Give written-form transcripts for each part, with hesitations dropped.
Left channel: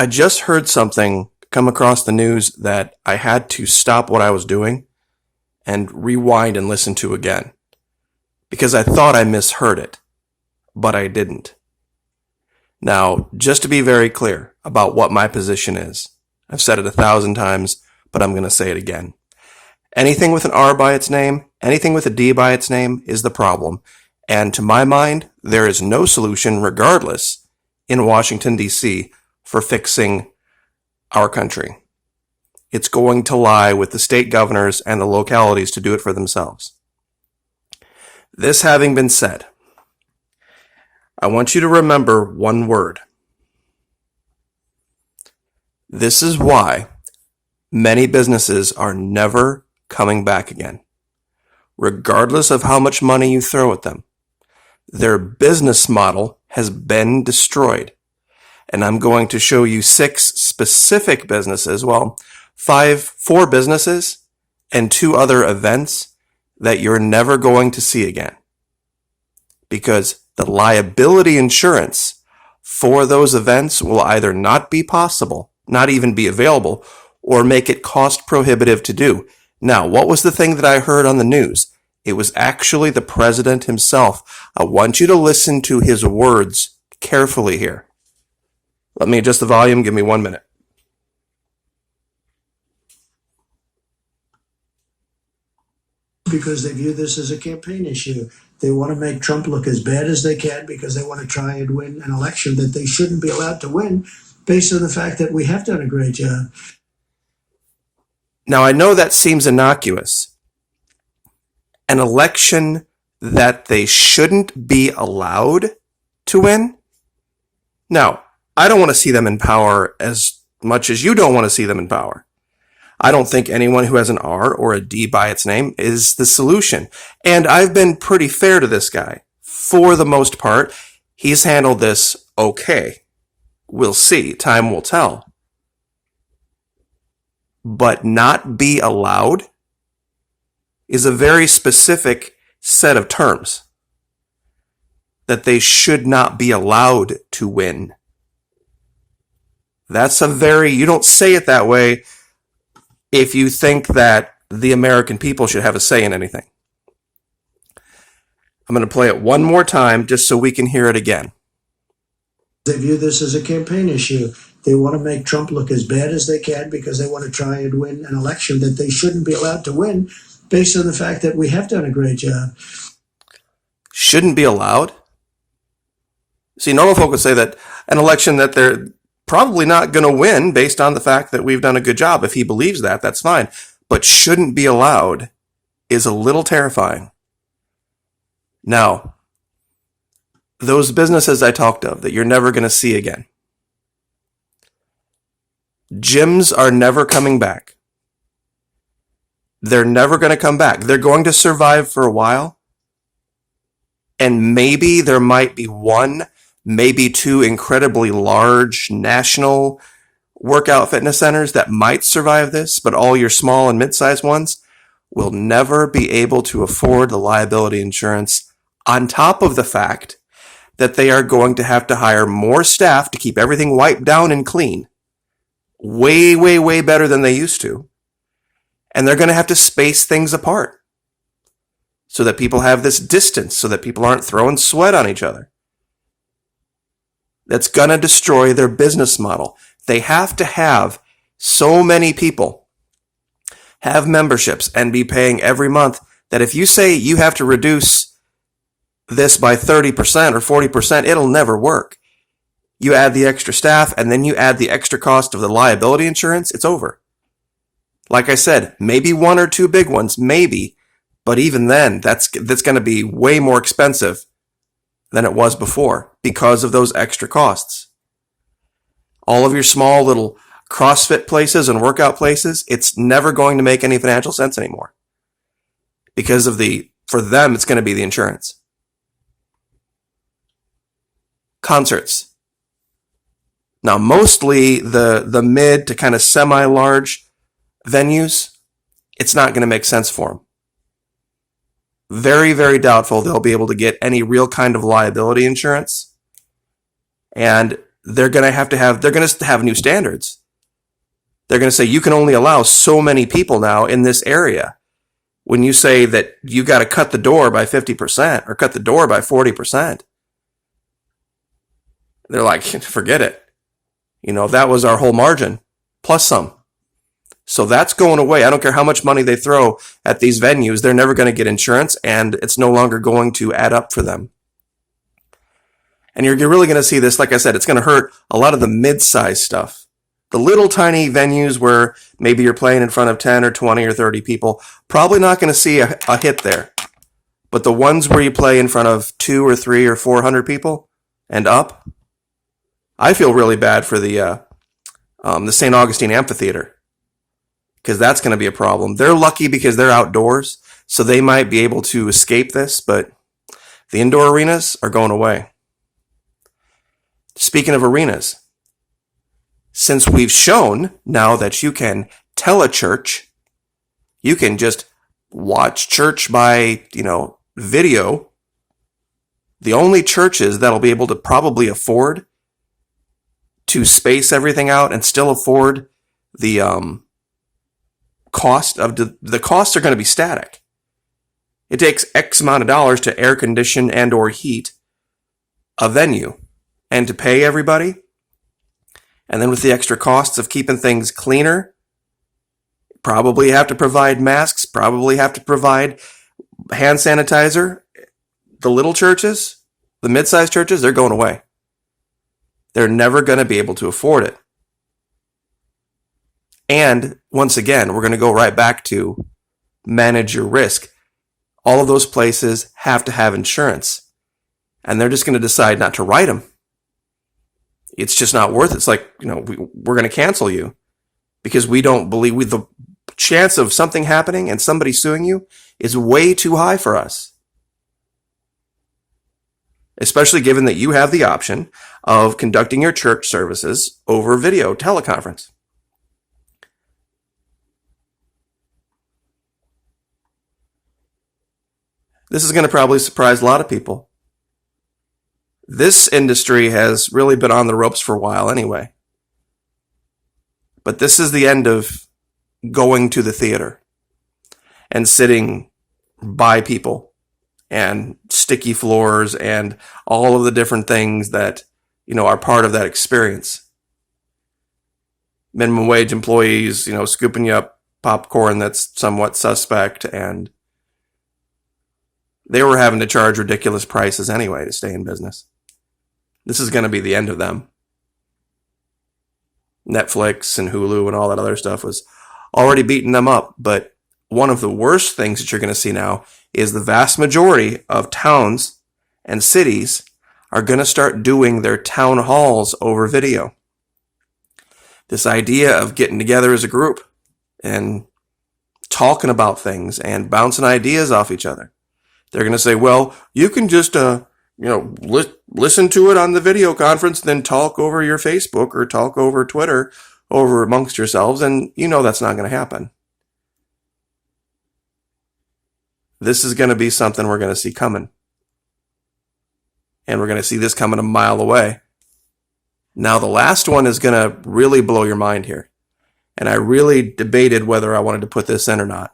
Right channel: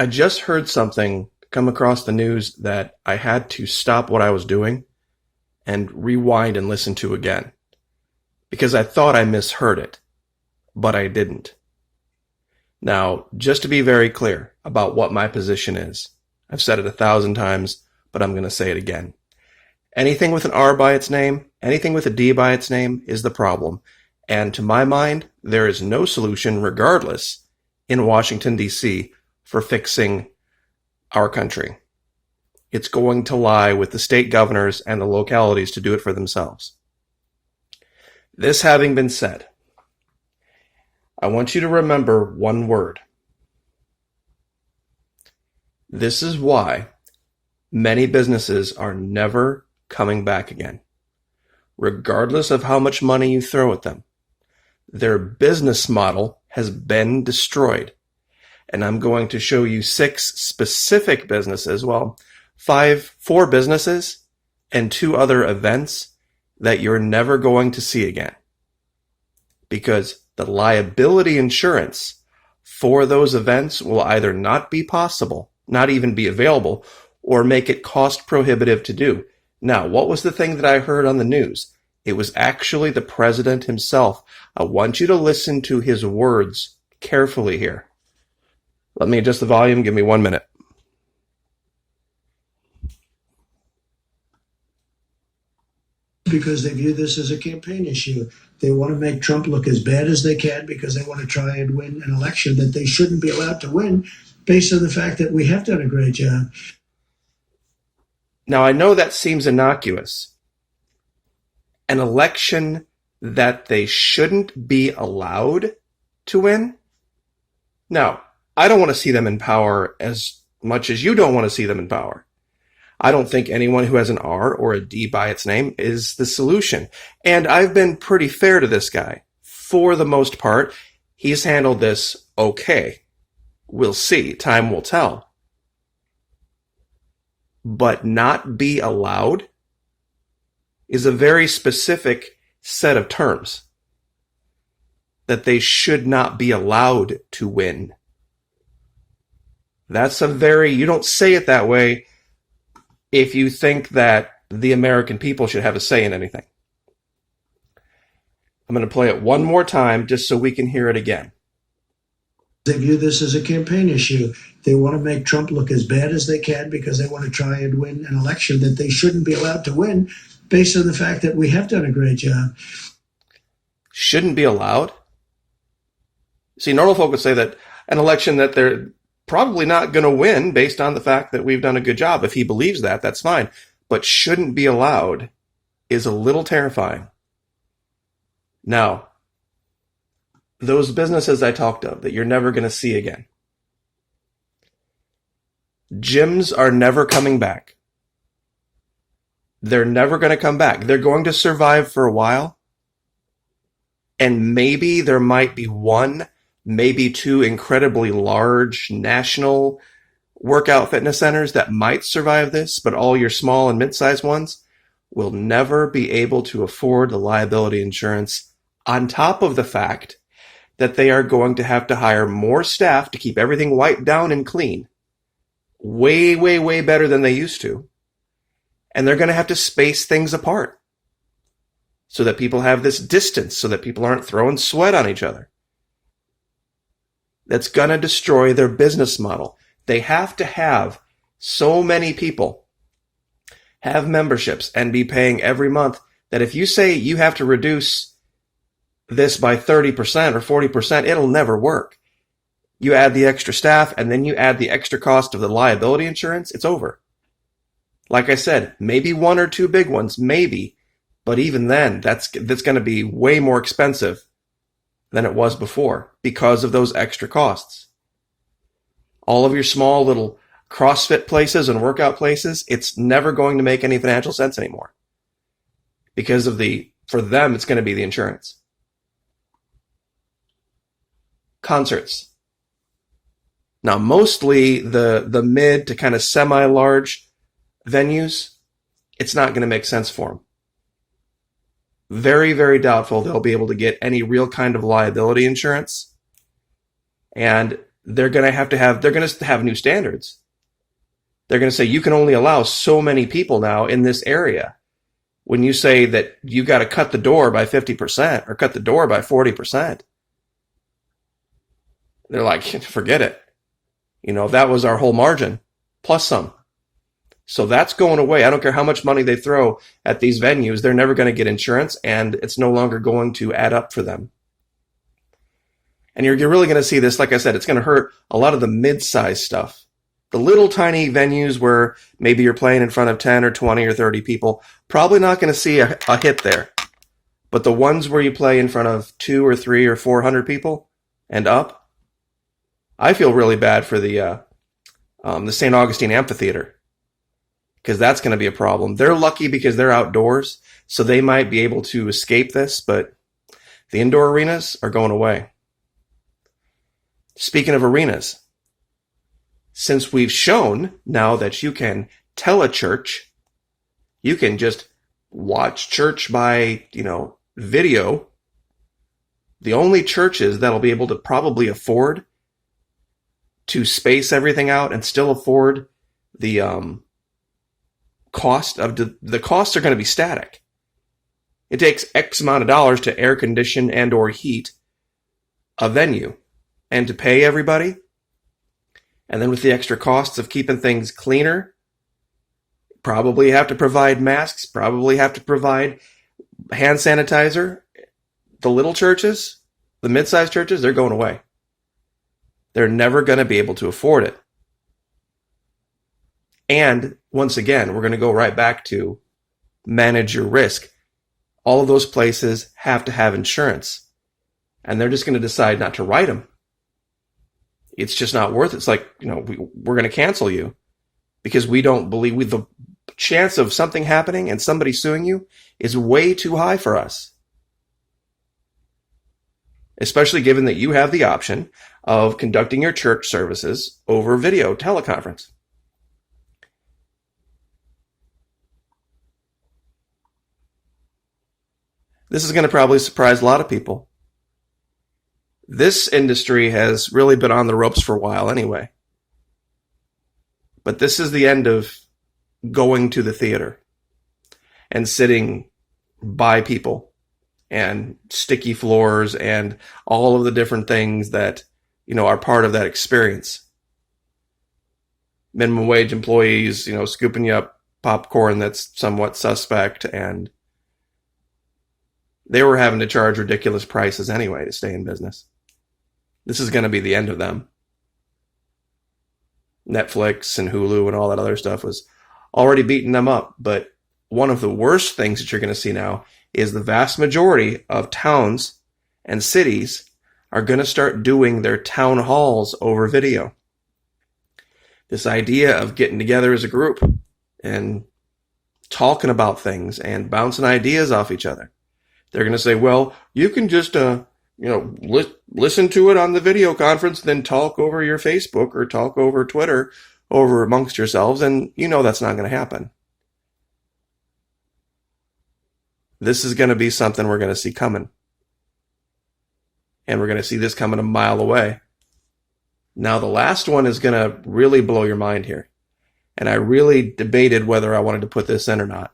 I just heard something come across the news that I had to stop what I was doing and rewind and listen to again because I thought I misheard it, but I didn't. Now, just to be very clear about what my position is, I've said it 1,000 times, but I'm going to say it again. Anything with an R by its name, anything with a D by its name is the problem. And to my mind, there is no solution, regardless, in Washington, D.C., for fixing our country. It's going to lie with the state governors and the localities to do it for themselves. This having been said, I want you to remember one word. This is why many businesses are never coming back again, regardless of how much money you throw at them. Their business model has been destroyed. And I'm going to show you 6 specific businesses, four businesses and 2 other events that you're never going to see again. Because the liability insurance for those events will either not be possible, not even be available, or make it cost prohibitive to do. Now, what was the thing that I heard on the news? It was actually the president himself. I want you to listen to his words carefully here. Let me adjust the volume. Give me 1 minute. Because they view this as a campaign issue. They want to make Trump look as bad as they can because they want to try and win an election that they shouldn't be allowed to win based on the fact that we have done a great job. Now, I know that seems innocuous. An election that they shouldn't be allowed to win? Now, I don't want to see them in power as much as you don't want to see them in power. I don't think anyone who has an R or a D by its name is the solution. And I've been pretty fair to this guy. For the most part, he's handled this okay. We'll see. Time will tell. But not be allowed is a very specific set of terms. That they should not be allowed to win. That's you don't say it that way if you think that the American people should have a say in anything. I'm going to play it one more time just so we can hear it again. They view this as a campaign issue. They want to make Trump look as bad as they can because they want to try and win an election that they shouldn't be allowed to win based on the fact that we have done a great job. Shouldn't be allowed? See, normal folk would say that an election that they're probably not going to win based on the fact that we've done a good job. If he believes that, that's fine. But shouldn't be allowed is a little terrifying. Now, those businesses I talked of that you're never going to see again. Gyms are never coming back. They're never going to come back. They're going to survive for a while. And maybe there might be 1, maybe 2 incredibly large national workout fitness centers that might survive this, but all your small and mid-sized ones will never be able to afford the liability insurance, on top of the fact that they are going to have to hire more staff to keep everything wiped down and clean. Way, way, way better than they used to. And they're going to have to space things apart so that people have this distance, so that people aren't throwing sweat on each other. That's going to destroy their business model. They have to have so many people have memberships and be paying every month that if you say you have to reduce this by 30% or 40%, it'll never work. You add the extra staff and then you add the extra cost of the liability insurance, it's over. Like I said, maybe 1 or 2 big ones, maybe, but even then, that's going to be way more expensive than it was before because of those extra costs. All of your small little CrossFit places and workout places, it's never going to make any financial sense anymore because of for them, it's going to be the insurance. Concerts. Now, mostly the mid to kind of semi-large venues, it's not going to make sense for them. Very, very doubtful they'll be able to get any real kind of liability insurance. And they're going to have new standards. They're going to say you can only allow so many people now in this area. When you say that you got to cut the door by 50% or cut the door by 40%, they're like, forget it. That was our whole margin, plus some. So that's going away. I don't care how much money they throw at these venues. They're never going to get insurance, and it's no longer going to add up for them. And you're really going to see this, like I said, it's going to hurt a lot of the mid-sized stuff. The little tiny venues where maybe you're playing in front of 10 or 20 or 30 people, probably not going to see a hit there. But the ones where you play in front of 2 or 3 or 400 people and up, I feel really bad for the St. Augustine Amphitheater, because that's going to be a problem. They're lucky because they're outdoors, so they might be able to escape this, but the indoor arenas are going away. Speaking of arenas, since we've shown now that you can telechurch, you can just watch church by, video, the only churches that'll be able to probably afford to space everything out and still afford the cost of the costs are going to be static. It takes X amount of dollars to air condition and or heat a venue and to pay everybody. And then with the extra costs of keeping things cleaner, probably have to provide masks, probably have to provide hand sanitizer. The little churches, the mid-sized churches, they're going away. They're never going to be able to afford it. And once again, we're going to go right back to manage your risk. All of those places have to have insurance, and they're just going to decide not to write them. It's just not worth it. It's like, we're going to cancel you because we don't believe the chance of something happening and somebody suing you is way too high for us. Especially given that you have the option of conducting your church services over video teleconference. This is going to probably surprise a lot of people. This industry has really been on the ropes for a while anyway. But this is the end of going to the theater and sitting by people and sticky floors and all of the different things that, are part of that experience. Minimum wage employees, scooping you up popcorn that's somewhat suspect, and they were having to charge ridiculous prices anyway to stay in business. This is going to be the end of them. Netflix and Hulu and all that other stuff was already beating them up. But one of the worst things that you're going to see now is the vast majority of towns and cities are going to start doing their town halls over video. This idea of getting together as a group and talking about things and bouncing ideas off each other. They're going to say, well, you can just, listen to it on the video conference, then talk over your Facebook or talk over Twitter over amongst yourselves, and that's not going to happen. This is going to be something we're going to see coming. And we're going to see this coming a mile away. Now, the last one is going to really blow your mind here. And I really debated whether I wanted to put this in or not.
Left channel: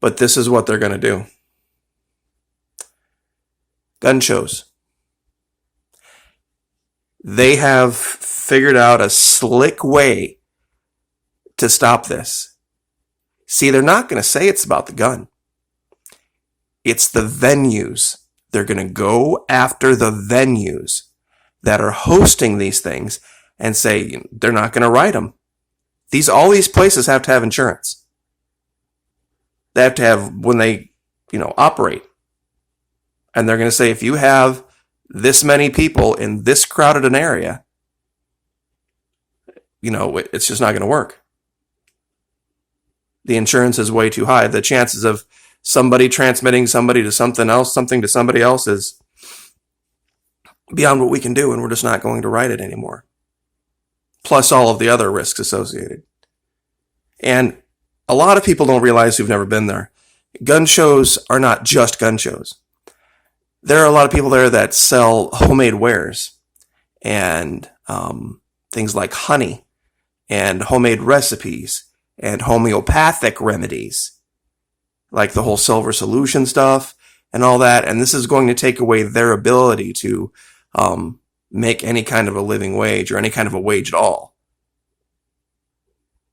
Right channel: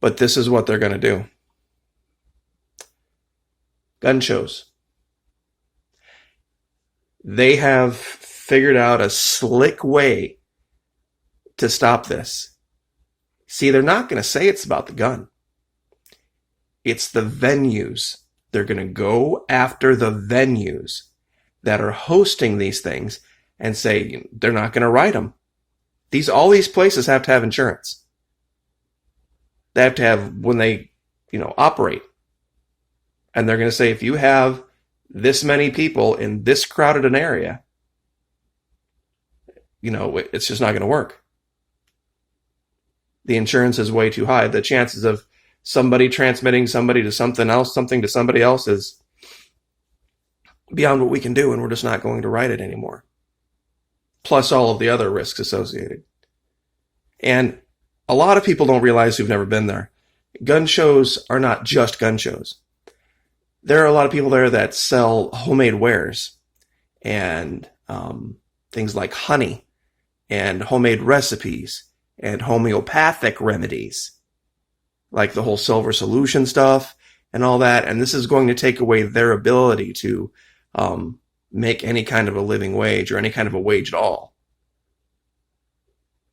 But this is what they're going to do. Gun shows. They have figured out a slick way to stop this. See, they're not going to say it's about the gun. It's the venues. They're going to go after the venues that are hosting these things and say they're not going to write them. All these places have to have insurance. They have to have when they, operate. And they're going to say if you have this many people in this crowded an area, it's just not going to work. The insurance is way too high. The chances of somebody transmitting somebody to something else, something to somebody else is beyond what we can do, and we're just not going to write it anymore. Plus all of the other risks associated. And a lot of people don't realize who've never been there. Gun shows are not just gun shows. There are a lot of people there that sell homemade wares and things like honey and homemade recipes and homeopathic remedies, like the whole silver solution stuff and all that. And this is going to take away their ability to make any kind of a living wage or any kind of a wage at all,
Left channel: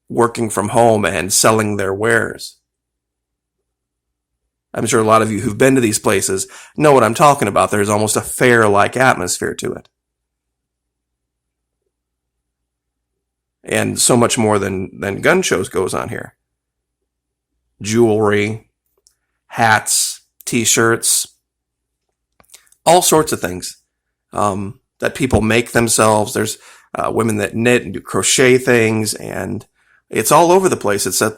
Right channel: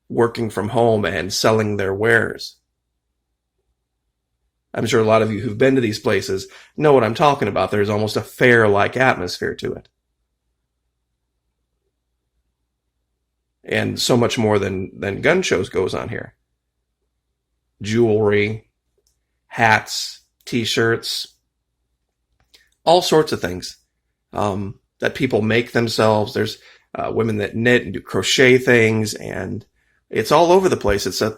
working from home and selling their wares. I'm sure a lot of you who've been to these places know what I'm talking about. There's almost a fair-like atmosphere to it. And so much more than gun shows goes on here. Jewelry, hats, t-shirts, all sorts of things that people make themselves. There's women that knit and do crochet things, and it's all over the place. It's a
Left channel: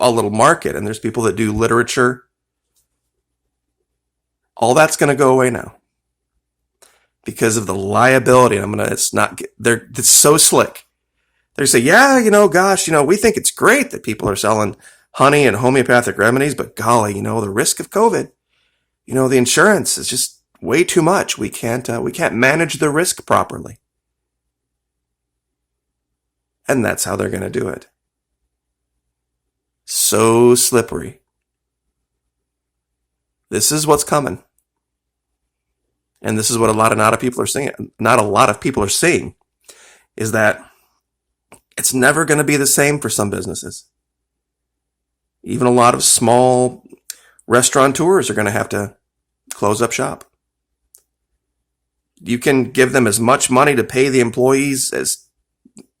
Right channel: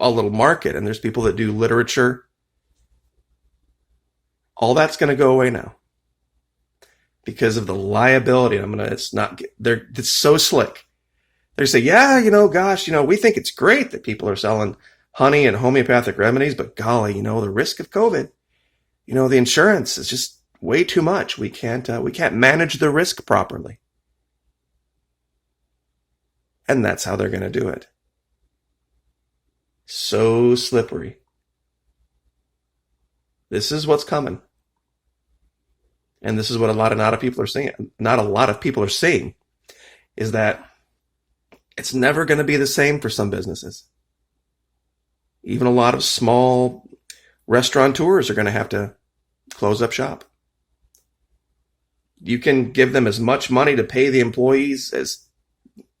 little market, and there's people that do literature. All that's going to go away now because of the liability. And it's so slick. They say, yeah, gosh, we think it's great that people are selling honey and homeopathic remedies, but golly, the risk of COVID, the insurance is just way too much. We can't manage the risk properly. And that's how they're going to do it. So slippery. This is what's coming. And this is what not a lot of people are seeing is that it's never going to be the same for some businesses. Even a lot of small restaurateurs are going to have to close up shop. You can give them as much money to pay the employees as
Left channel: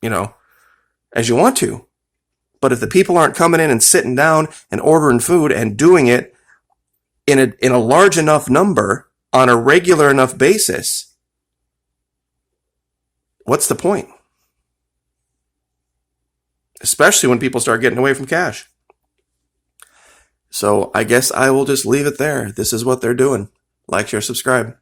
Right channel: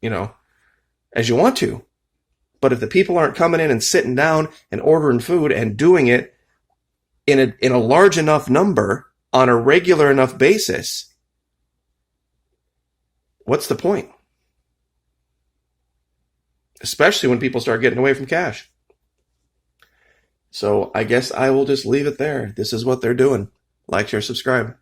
you want to. But if the people aren't coming in and sitting down and ordering food and doing it in a large enough number on a regular enough basis, what's the point? Especially when people start getting away from cash. So I guess I will just leave it there. This is what they're doing. Like, share, subscribe.